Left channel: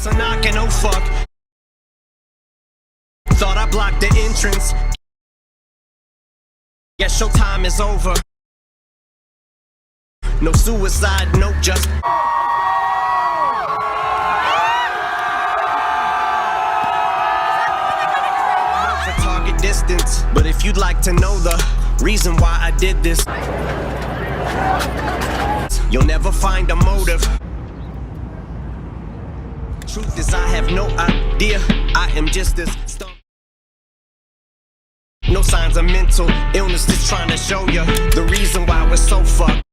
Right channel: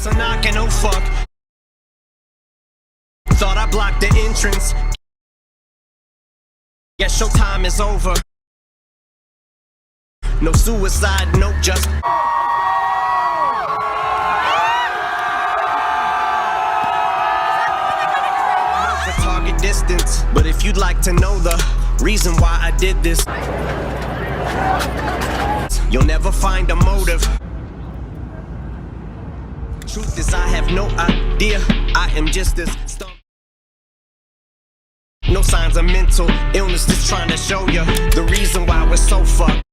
Cops are knocking, oh fuck. Thought I blocked the entrance. Guess showtime is over. No suicide, no just. The target distance. But if you'd like to know the reason why I did this, you'll never find a motive. Truth is, I have no idea. I am just this stuff. No signs of mental illness, just trying to show you the reason why we're so fucked.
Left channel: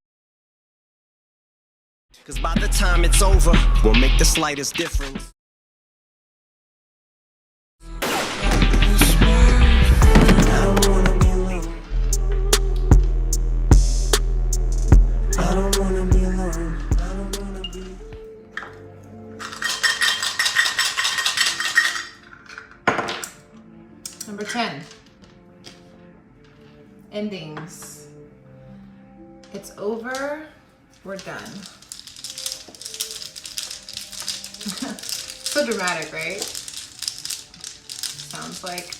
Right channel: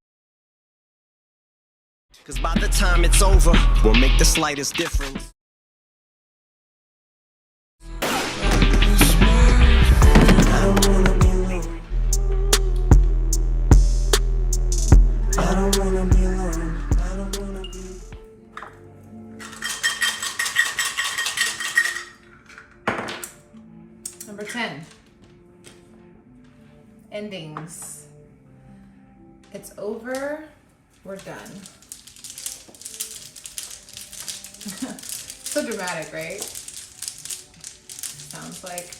Cause by the time it's over, we'll make the slightest difference. I don't wanna be alone. I don't wanna be alone. I don't wanna be. Number 10. Endings. It's over. We're done. So dramatic, right? Sounds like.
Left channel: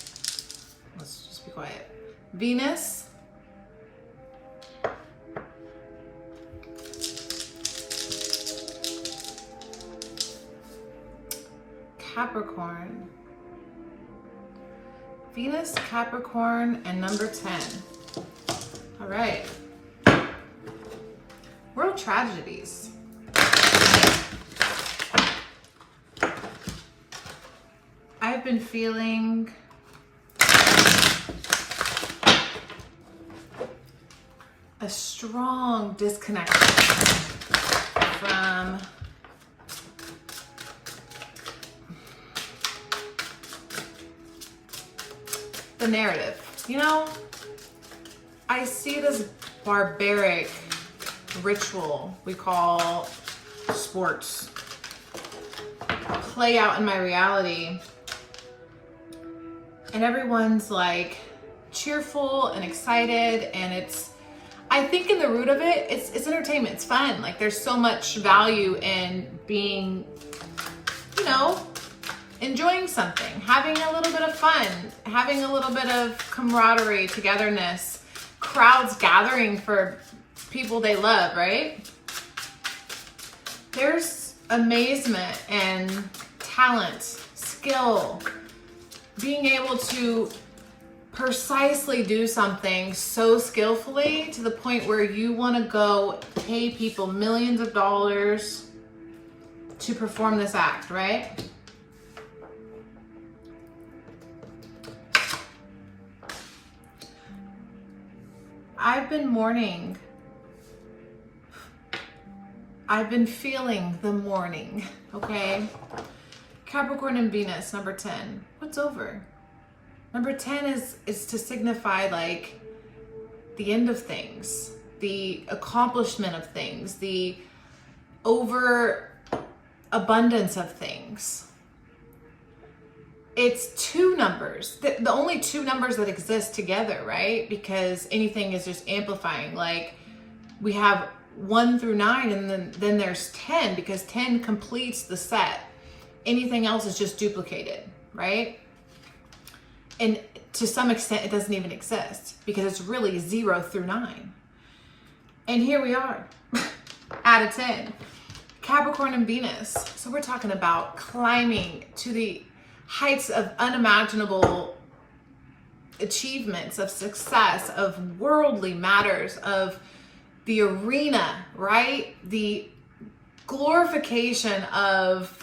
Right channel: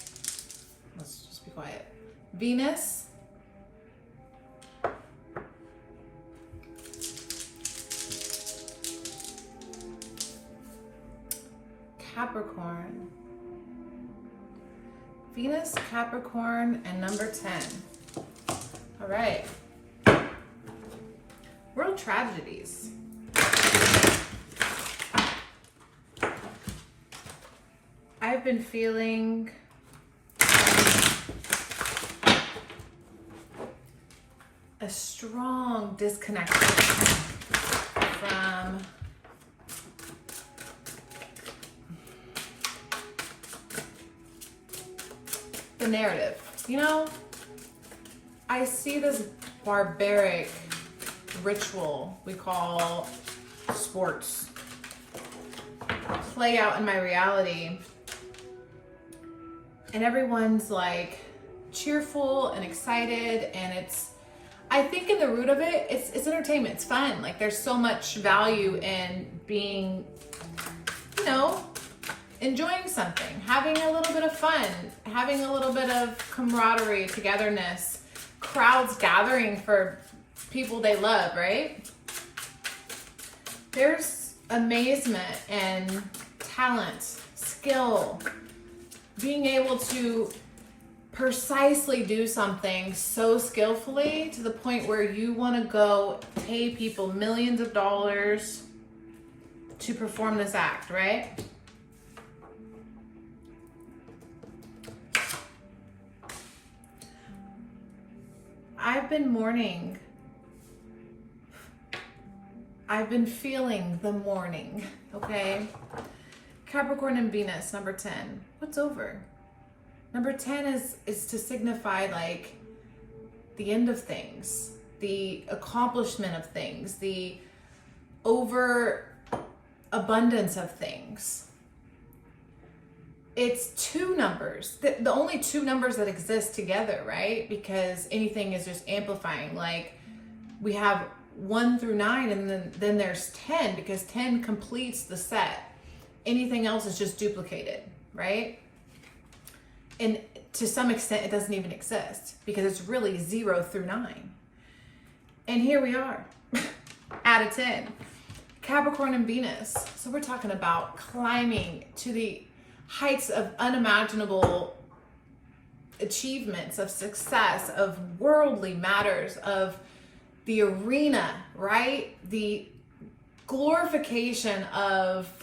Let's just be quiet. Venus. Capricorn. Venus, Capricorn, and number 10. All right. World tragedies. I've been feeling a strong disconnect from the narrative. You know, I see this barbaric ritual we call sports play out in my reality, and everyone's like cheerful and excited, and it's, I think in the root of it, it's entertainment, it's fun. Like there's so much value in being, you know, enjoying something, having a little bit of fun, having a little bit of camaraderie, togetherness, crowds gathering for people they love, right? There's amazement and talent, skill, being able to precisely do something so skillfully to the point where you want to go pay people millions of dollars to perform this act, right? I've been mourning. I've been feeling the mourning, okay? Capricorn and Venus, number 10. What's over? Number 10 is to signify like the end of things, the accomplishment of things, the overabundance of things. It's two numbers, the only two numbers that exist together, right? Because anything is just amplifying. Like we have 1 through 9, and then there's 10, because 10 completes the set. Anything else is just duplicated, right? And to some extent, it doesn't even exist because it's really 0 through 9. And here we are at a 10. Capricorn and Venus. So we're talking about climbing to the heights of unimaginable achievements, of success, of worldly matters, of the arena, right? The glorification of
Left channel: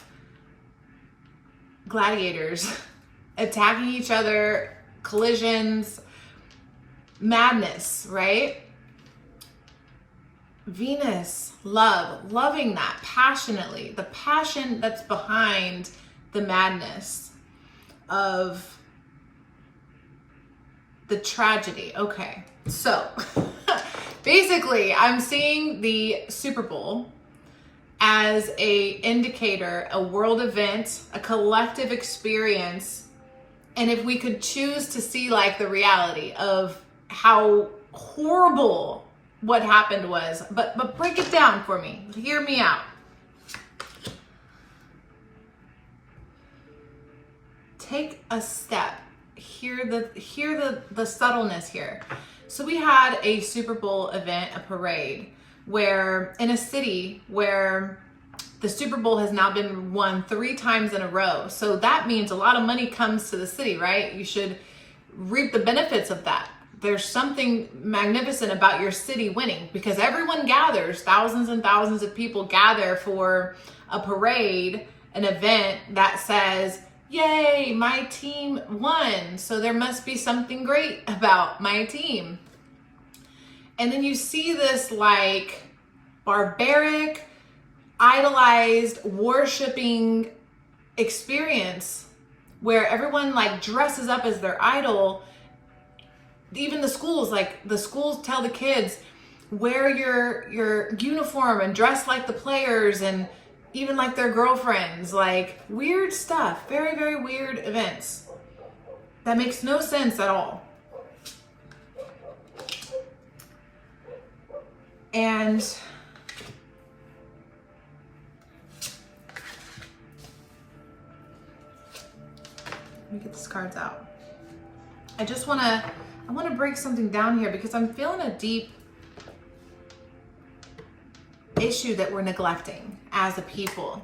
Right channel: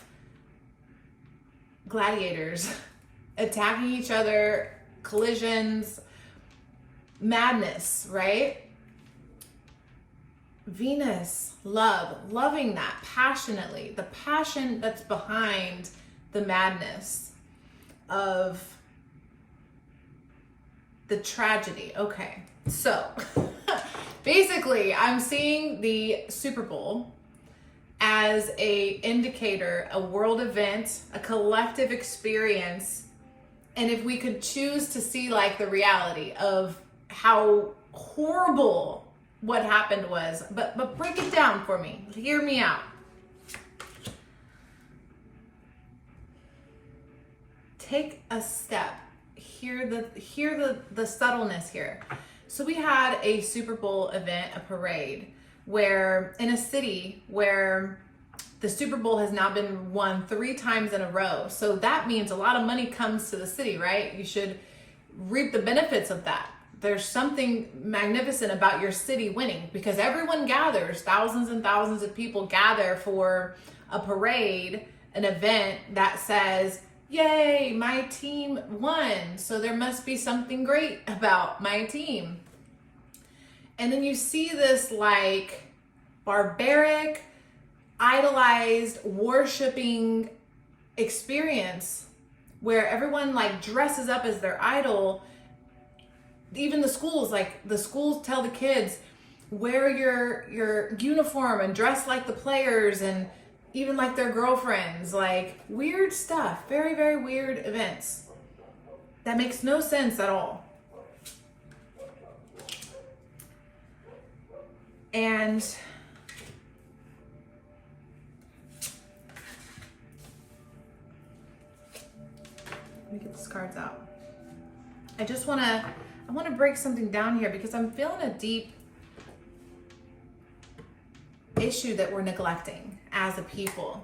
gladiators attacking each other, collisions, madness, right? Venus, love, loving that passionately, the passion that's behind the madness of the tragedy. Okay, so basically I'm seeing the Super Bowl as a indicator, a world event, a collective experience. And if we could choose to see like the reality of how horrible what happened was, but break it down for me. Hear me out. take a step. Hear the subtleness here. So we had a Super Bowl event, a parade, where in a city where the Super Bowl has now been won 3 times in a row. So that means a lot of money comes to the city, right? You should reap the benefits of that. There's something magnificent about your city winning, because everyone gathers, thousands and thousands of people gather for a parade, an event that says, yay, my team won. So there must be something great about my team. And then you see this like barbaric, idolized, worshiping experience where everyone like dresses up as their idol. Even the schools, like the schools tell the kids, wear your uniform and dress like the players and even like their girlfriends, like weird stuff, very, very weird events that makes no sense at all. And let me get these cards out. I want to break something down here because I'm feeling a deep issue that we're neglecting as a people.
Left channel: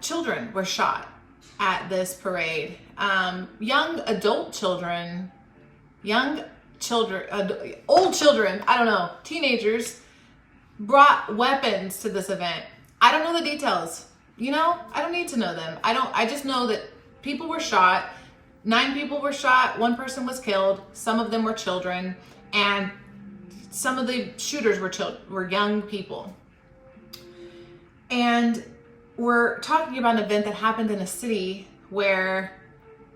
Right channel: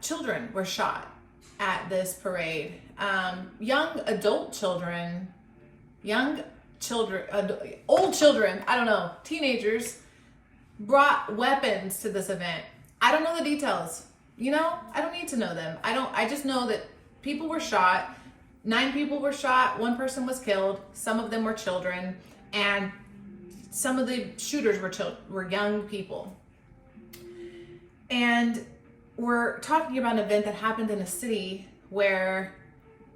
Children were shot at this parade. Young children, old children, I don't know, teenagers brought weapons to this event. I don't know the details. You know, I don't need to know them. I just know that people were shot. 9 people were shot. 1 person was killed. Some of them were children, and some of the shooters were young people. And we're talking about an event that happened in a city where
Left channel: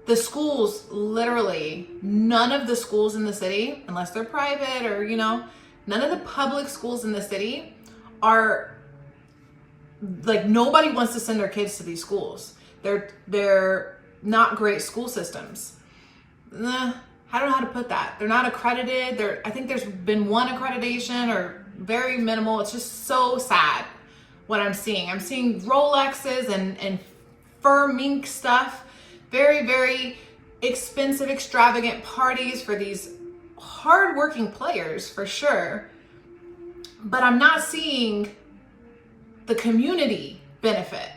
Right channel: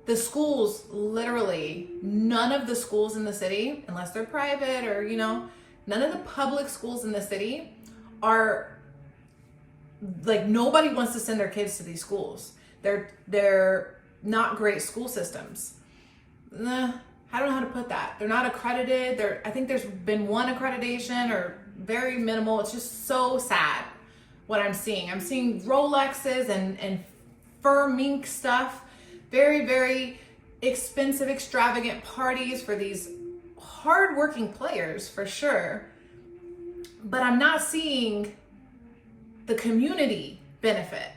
the schools, literally none of the schools in the city, unless they're private or, you know, none of the public schools in the city are like, nobody wants to send their kids to these schools. They're not great school systems. I don't know how to put that. They're not accredited. I think there's been 1 accreditation or very minimal. It's just so sad what I'm seeing. I'm seeing Rolexes and fur mink stuff. Very, very expensive, extravagant parties for these hardworking players for sure. But I'm not seeing the community benefit.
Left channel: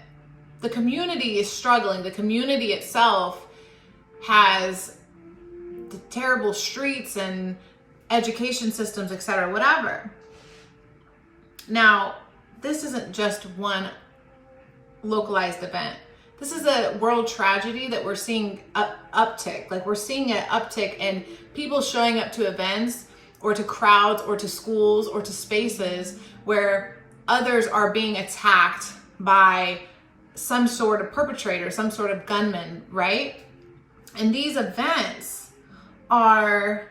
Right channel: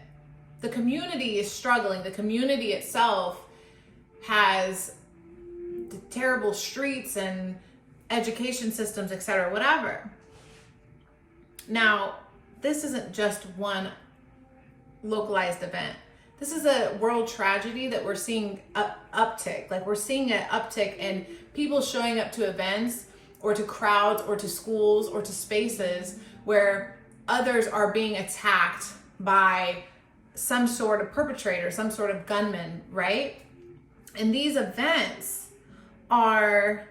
The community is struggling. The community itself has the terrible streets and education systems, etc., whatever. Now, this isn't just one localized event. This is a world tragedy that we're seeing uptick. Like, we're seeing an uptick in people showing up to events or to crowds or to schools or to spaces where others are being attacked by some sort of perpetrator, some sort of gunman, right? And these events are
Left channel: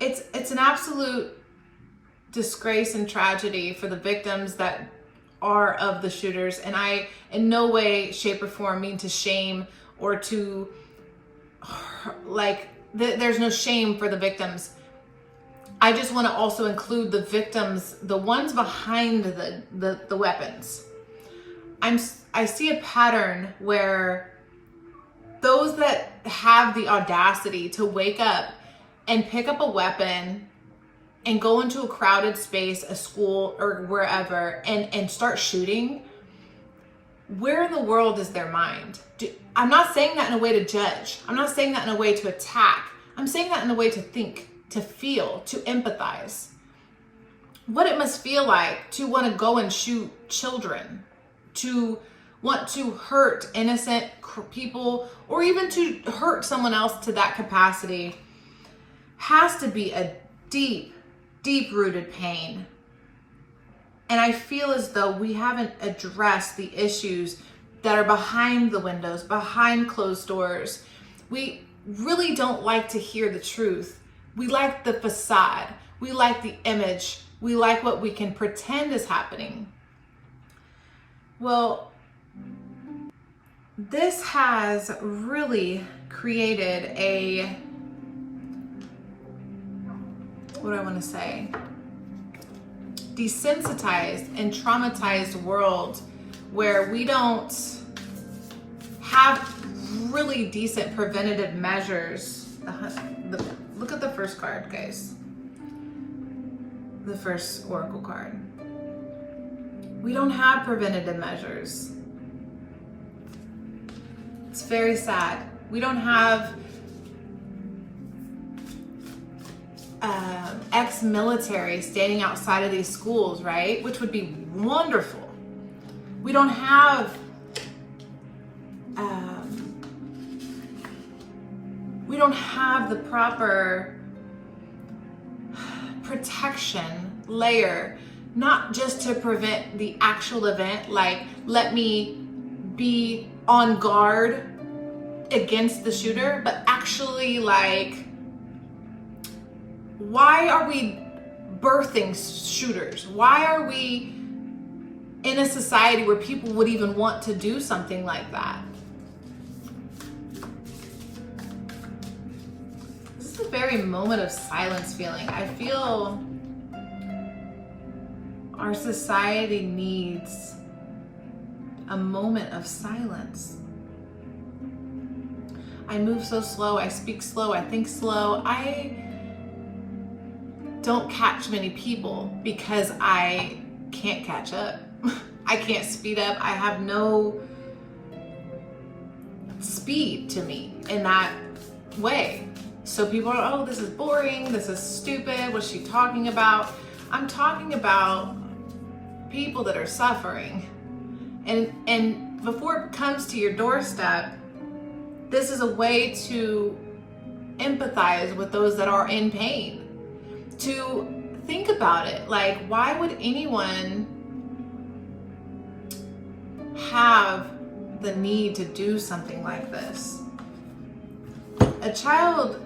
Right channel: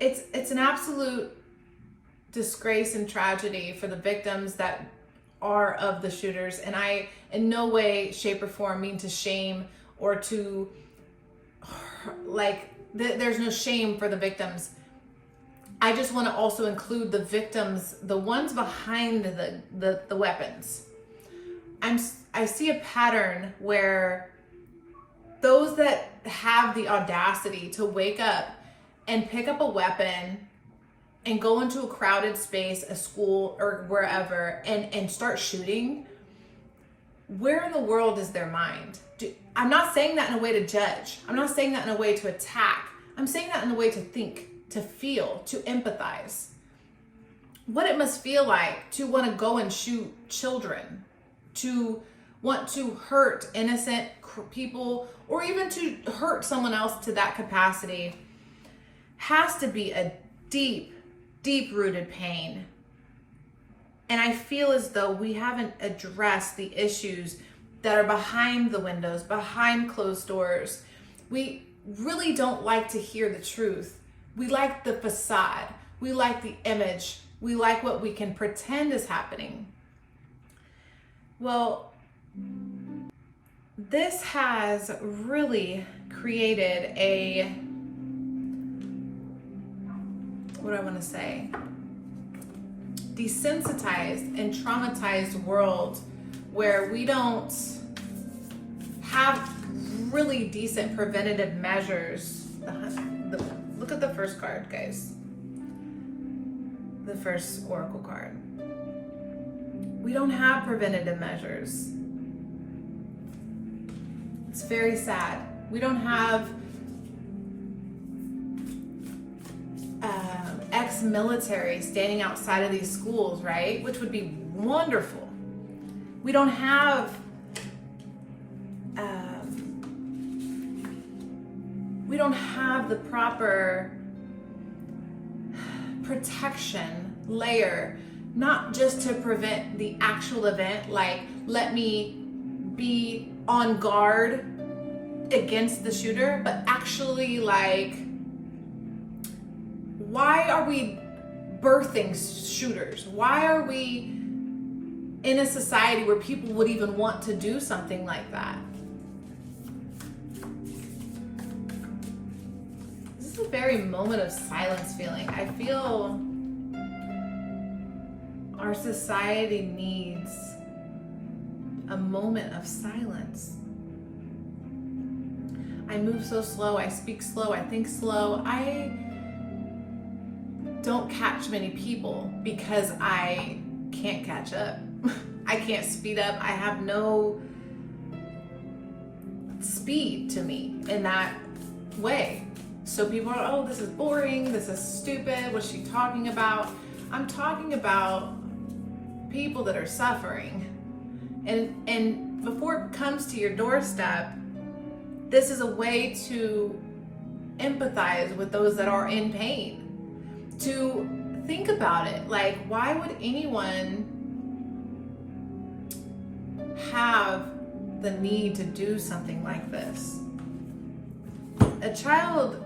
it's an absolute disgrace and tragedy for the victims that are of the shooters. And I in no way, shape, or form mean to shame or to there's no shame for the victims. I just want to also include the victims, the ones behind the weapons. I see a pattern where those that have the audacity to wake up and pick up a weapon and go into a crowded space, a school or wherever, and start shooting, where in the world is their mind? I'm not saying that in a way to judge. I'm not saying that in a way to attack. I'm saying that in a way to think, to feel, to empathize. What it must feel like to want to go and shoot children, to want to hurt innocent people, or even to hurt someone else to that capacity, has to be a deep, deep-rooted pain. And I feel as though we haven't addressed the issues that are behind the windows, behind closed doors. We really don't like to hear the truth. We like the facade. We like the image. We like what we can pretend is happening. Well, this has really created a, what do I want to say? desensitized and traumatized world where we don't have really decent preventative measures. Look at the first card, guys. The first oracle card. We don't have preventative measures. It's very sad. We don't have ex-military standing outside of these schools, right? Which would be wonderful. We don't have the proper protection layer, not just to prevent the actual event, like let me be on guard against the shooter, but actually like, why are we birthing shooters? Why are we in a society where people would even want to do something like that? This is a very moment of silence feeling. I feel our society needs a moment of silence. I move so slow, I speak slow, I think slow. I don't catch many people because I can't catch up. I can't speed up. I have no speed to me in that way. So people are, oh, this is boring, this is stupid, what's she talking about? I'm talking about people that are suffering. And before it comes to your doorstep, this is a way to empathize with those that are in pain. To think about it, like, why would anyone have the need to do something like this? A child,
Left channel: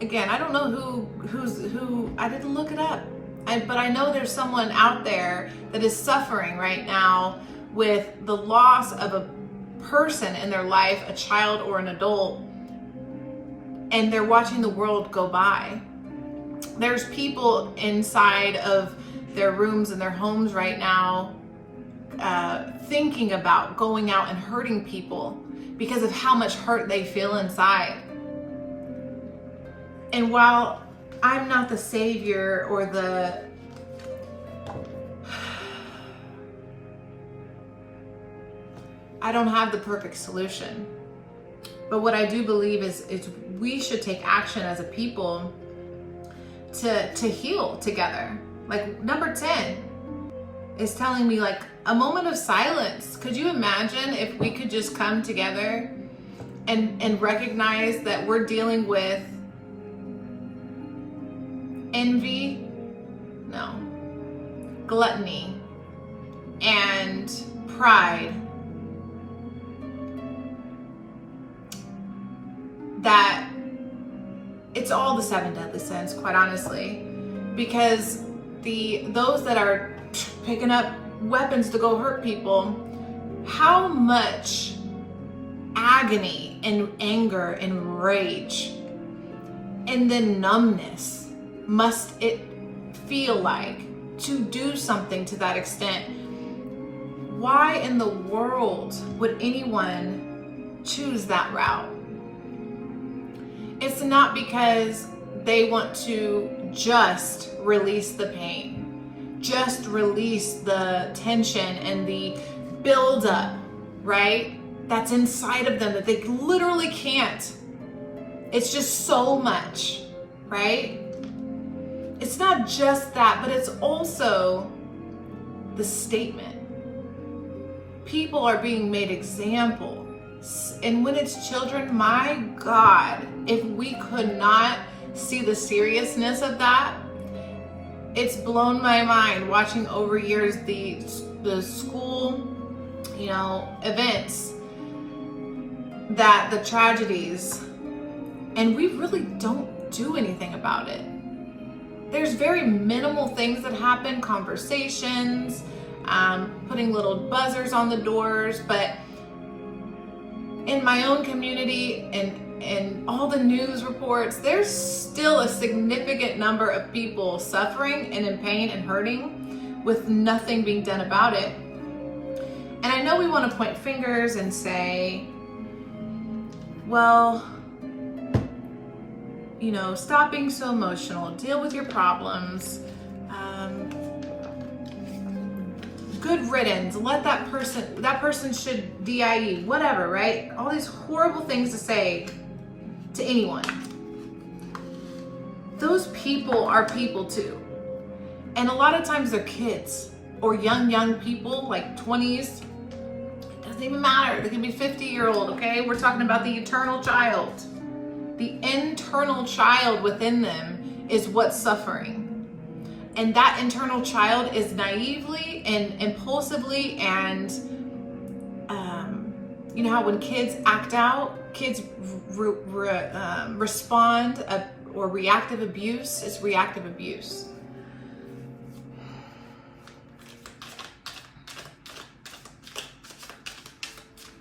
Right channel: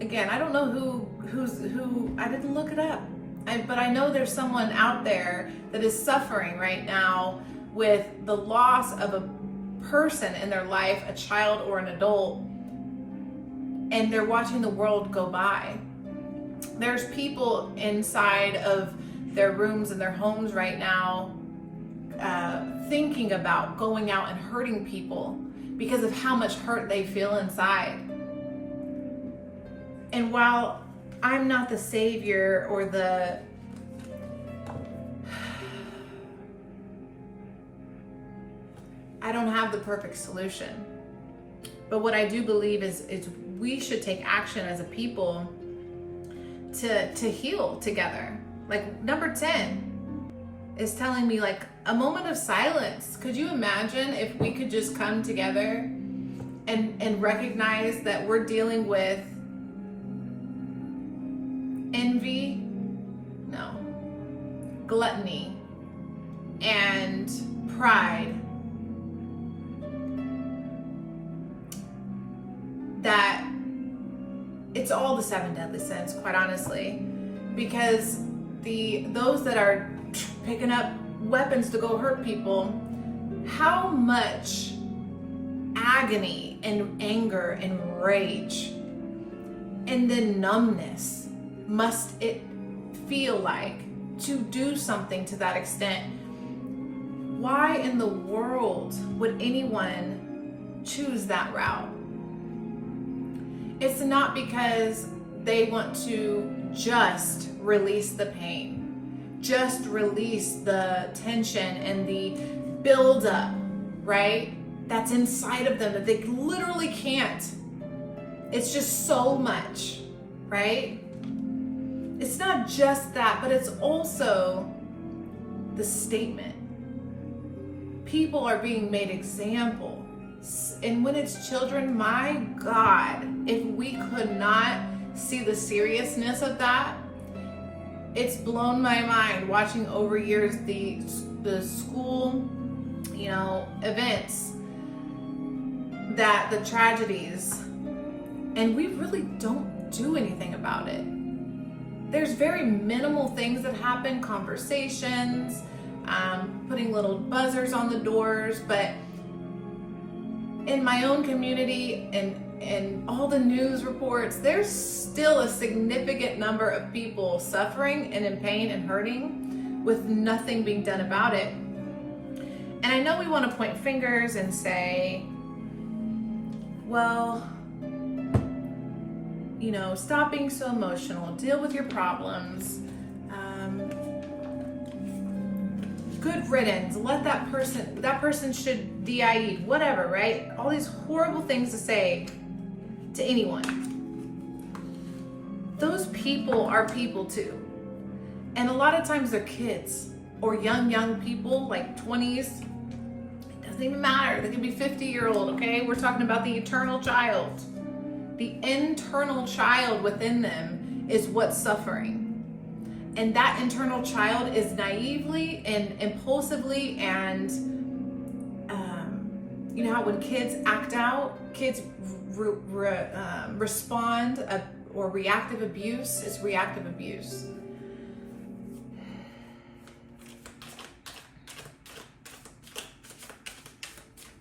again, I don't know who, I didn't look it up, but I know there's someone out there that is suffering right now with the loss of a person in their life, a child or an adult, and they're watching the world go by. There's people inside of their rooms and their homes right now thinking about going out and hurting people because of how much hurt they feel inside. And while I'm not the savior or I don't have the perfect solution. But what I do believe is we should take action as a people to heal together. Like number 10 is telling me, like, a moment of silence. Could you imagine if we could just come together and recognize that we're dealing with envy, no, gluttony, and pride, that it's all the 7 deadly sins, quite honestly, because those that are picking up weapons to go hurt people, how much agony and anger and rage and then numbness must it feel like to do something to that extent? Why in the world would anyone choose that route? It's not because they want to just release the pain, just release the tension and the buildup, right? That's inside of them that they literally can't. It's just so much, right? It's not just that, but it's also the statement. People are being made example. And when it's children, my God, if we could not see the seriousness of that, it's blown my mind watching over years the school, events, that the tragedies, and we really don't do anything about it. There's very minimal things that happen, conversations, putting little buzzers on the doors, but in my own community and and all the news reports, there's still a significant number of people suffering and in pain and hurting with nothing being done about it. And I know we want to point fingers and say, well, you know, stop being so emotional, deal with your problems, good riddance, let that person should DIE, whatever, right? All these horrible things to say to anyone. Those people are people too. And a lot of times they're kids or young people, like 20s. It doesn't even matter. They can be 50-year-old, okay? We're talking about the eternal child. The internal child within them is what's suffering. And that internal child is naively and impulsively and, you know how when kids act out, kids respond or reactive abuse is reactive abuse.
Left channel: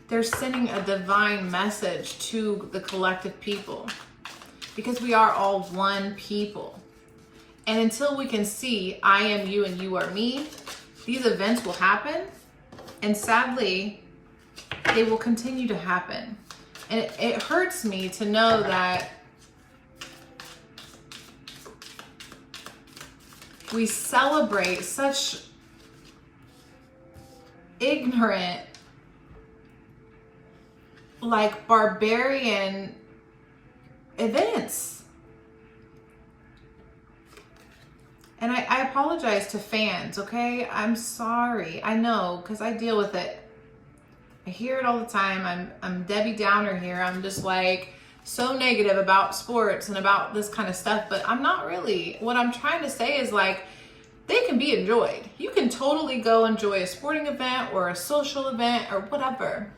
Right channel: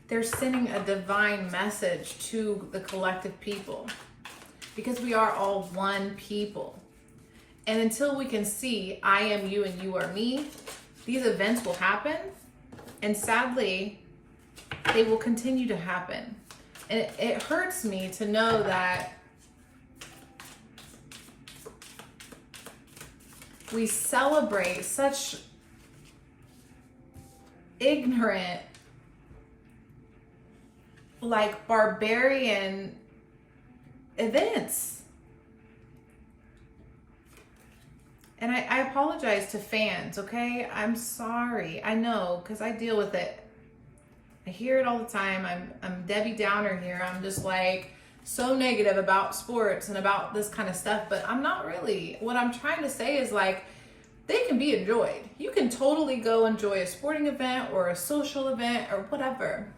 They're sending a divine message to the collective people because we are all one people. And until we can see I am you and you are me, these events will happen. And sadly, they will continue to happen. And it hurts me to know that we celebrate such ignorant, like barbarian events. And I apologize to fans, okay? I'm sorry. I know, because I deal with it. I hear it all the time. I'm Debbie Downer here. I'm just like so negative about sports and about this kind of stuff, but I'm not really. What I'm trying to say is like, they can be enjoyed. You can totally go enjoy a sporting event or a social event or whatever.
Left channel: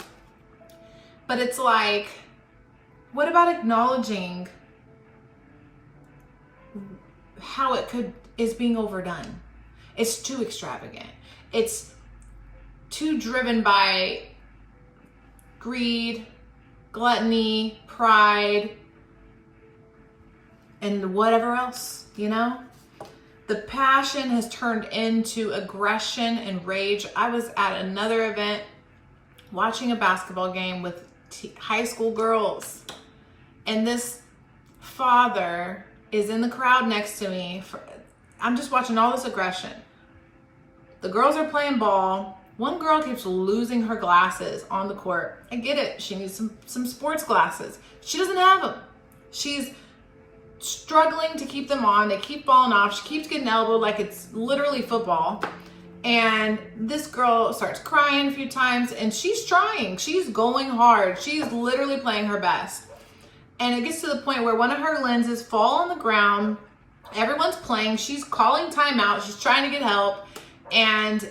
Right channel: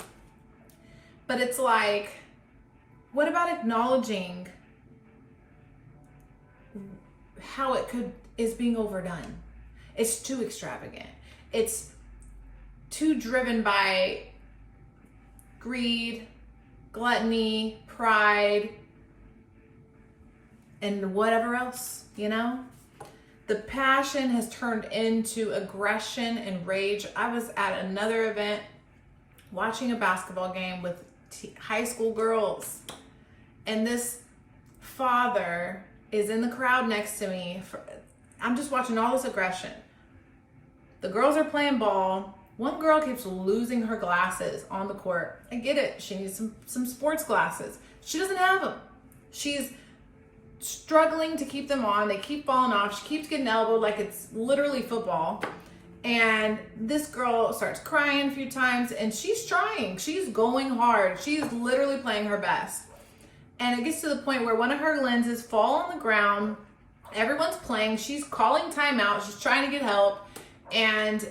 But it's like, what about acknowledging how it is being overdone? It's too extravagant. It's too driven by greed, gluttony, pride, and whatever else, you know? The passion has turned into aggression and rage. I was at another event watching a basketball game with high school girls, and this father is in the crowd next to me. I'm just watching all this aggression. The girls are playing ball. One girl keeps losing her glasses on the court. I get it. She needs some sports glasses. She doesn't have them. She's struggling to keep them on. They keep falling off. She keeps getting elbowed like it's literally football. And this girl starts crying a few times, and she's trying. She's going hard. She's literally playing her best. And it gets to the point where one of her lenses fall on the ground. Everyone's playing. She's calling timeout. She's trying to get help. And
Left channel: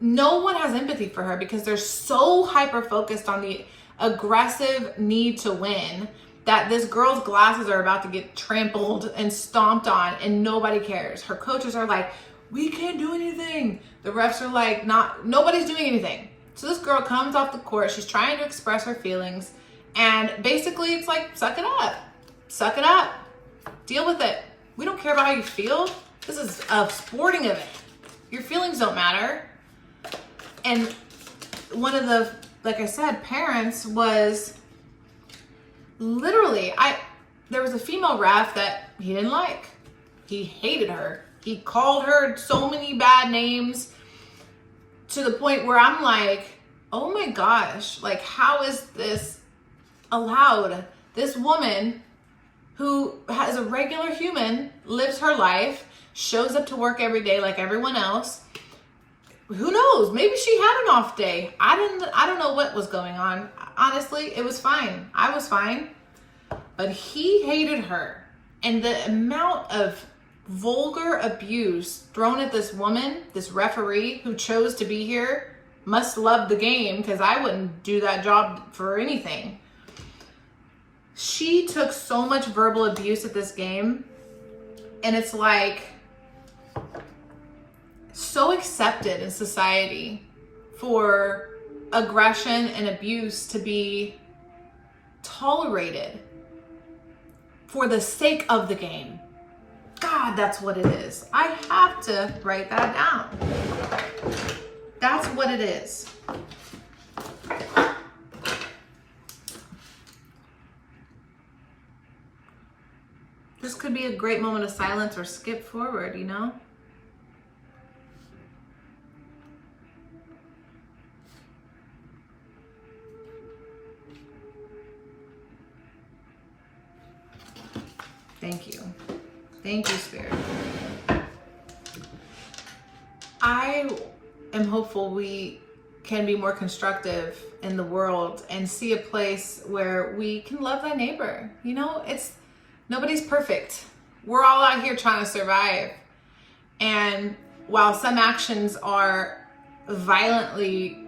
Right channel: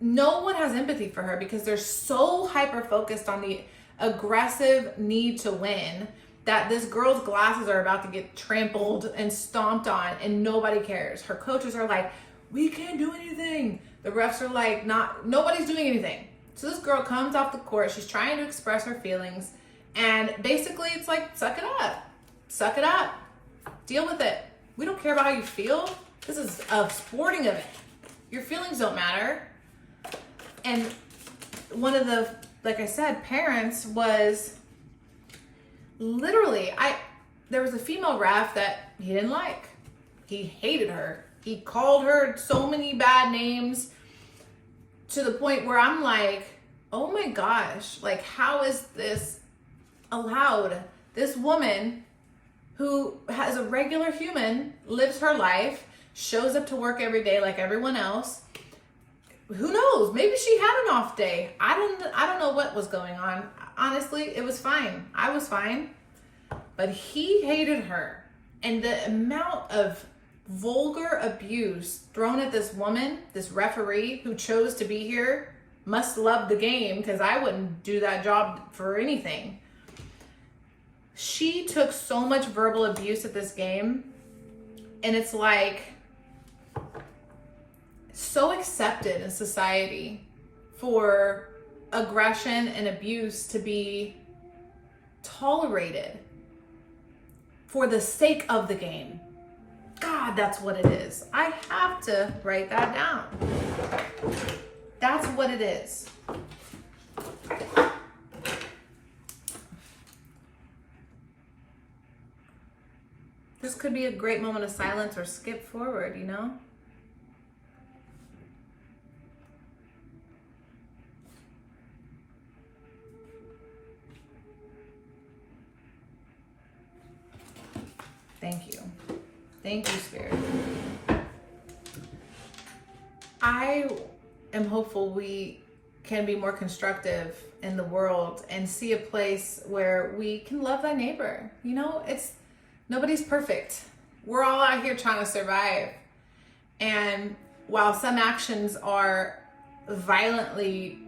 no one has empathy for her because they're so hyper-focused on the aggressive need to win that this girl's glasses are about to get trampled and stomped on, and nobody cares. Her coaches are like, we can't do anything. The refs are like, nobody's doing anything. So this girl comes off the court. She's trying to express her feelings. And basically it's like, suck it up. Suck it up. Deal with it. We don't care about how you feel. This is a sporting event. Your feelings don't matter. And one of the, like I said, parents was literally, there was a female ref that he didn't like. He hated her. He called her so many bad names to the point where I'm like, oh my gosh, like how is this allowed? This woman who has a regular human, lives her life, shows up to work every day like everyone else. Who knows? Maybe she had an off day. I don't know what was going on. Honestly, it was fine. I was fine. But he hated her. And the amount of vulgar abuse thrown at this woman, this referee who chose to be here, must love the game, because I wouldn't do that job for anything. She took so much verbal abuse at this game, and it's like so accepted in society for aggression and abuse to be tolerated for the sake of the game. God, that's what it is. I have to write that down. That's what it is. This could be a great moment of silence or skip forward, you know? Thank you. Thank you, Spirit. I am hopeful we can be more constructive in the world and see a place where we can love thy neighbor. You know, nobody's perfect. We're all out here trying to survive. And while some actions are violently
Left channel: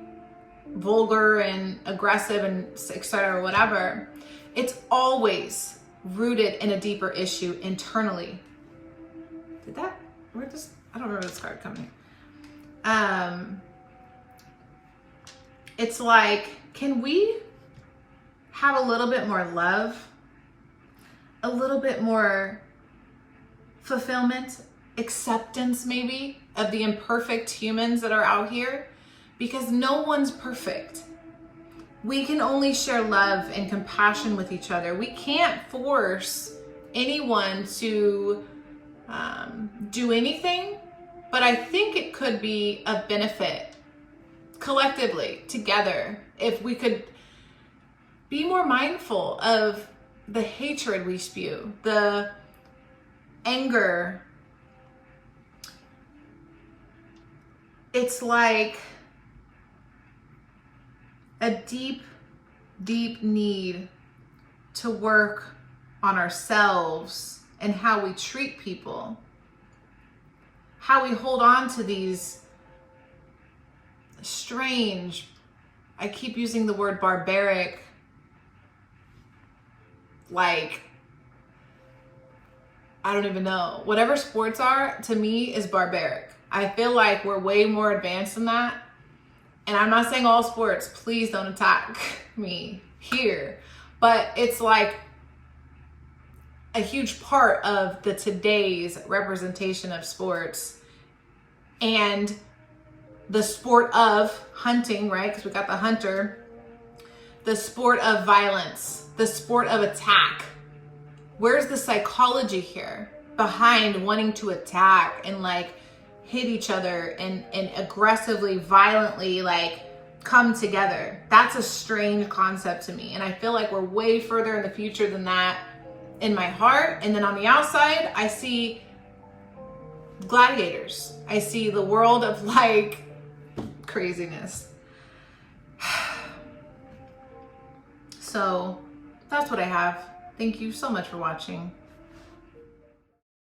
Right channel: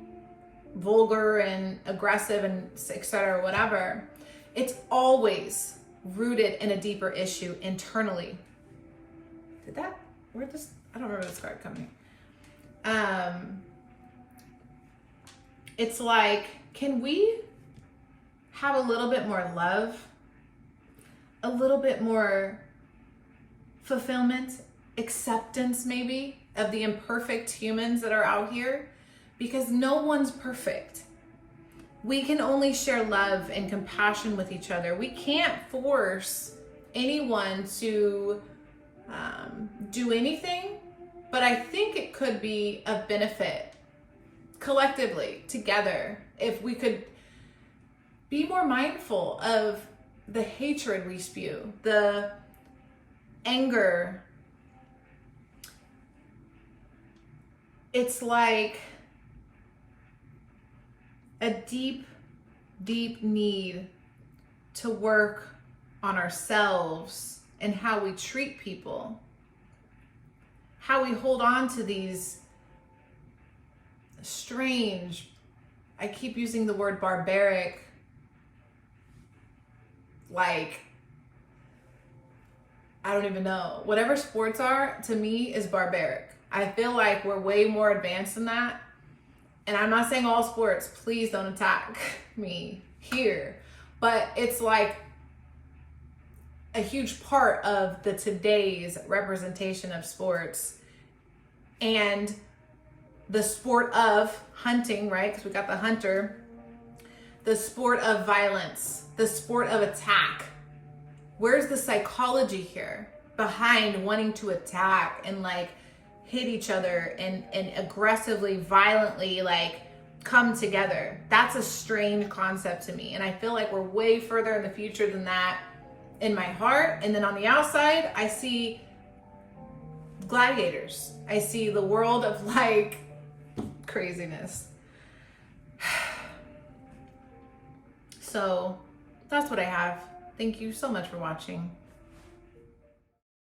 vulgar and aggressive and etc., whatever, it's always rooted in a deeper issue internally. I don't remember this card coming. It's like, can we have a little bit more love, a little bit more fulfillment, acceptance maybe of the imperfect humans that are out here? Because no one's perfect. We can only share love and compassion with each other. We can't force anyone to do anything, but I think it could be of benefit collectively together if we could be more mindful of the hatred we spew, the anger. It's like a deep, deep need to work on ourselves and how we treat people, how we hold on to these strange, I keep using the word barbaric, like, I don't even know. Whatever sports are, to me, is barbaric. I feel like we're way more advanced than that. And I'm not saying all sports, please don't attack me here. But it's like a huge part of the today's representation of sports and the sport of hunting, right? Because we got the hunter, the sport of violence, the sport of attack. Where's the psychology here behind wanting to attack and like hit each other and aggressively, violently like come together? That's a strange concept to me. And I feel like we're way further in the future than that in my heart. And then on the outside, I see gladiators. I see the world of like craziness. So that's what I have. Thank you so much for watching.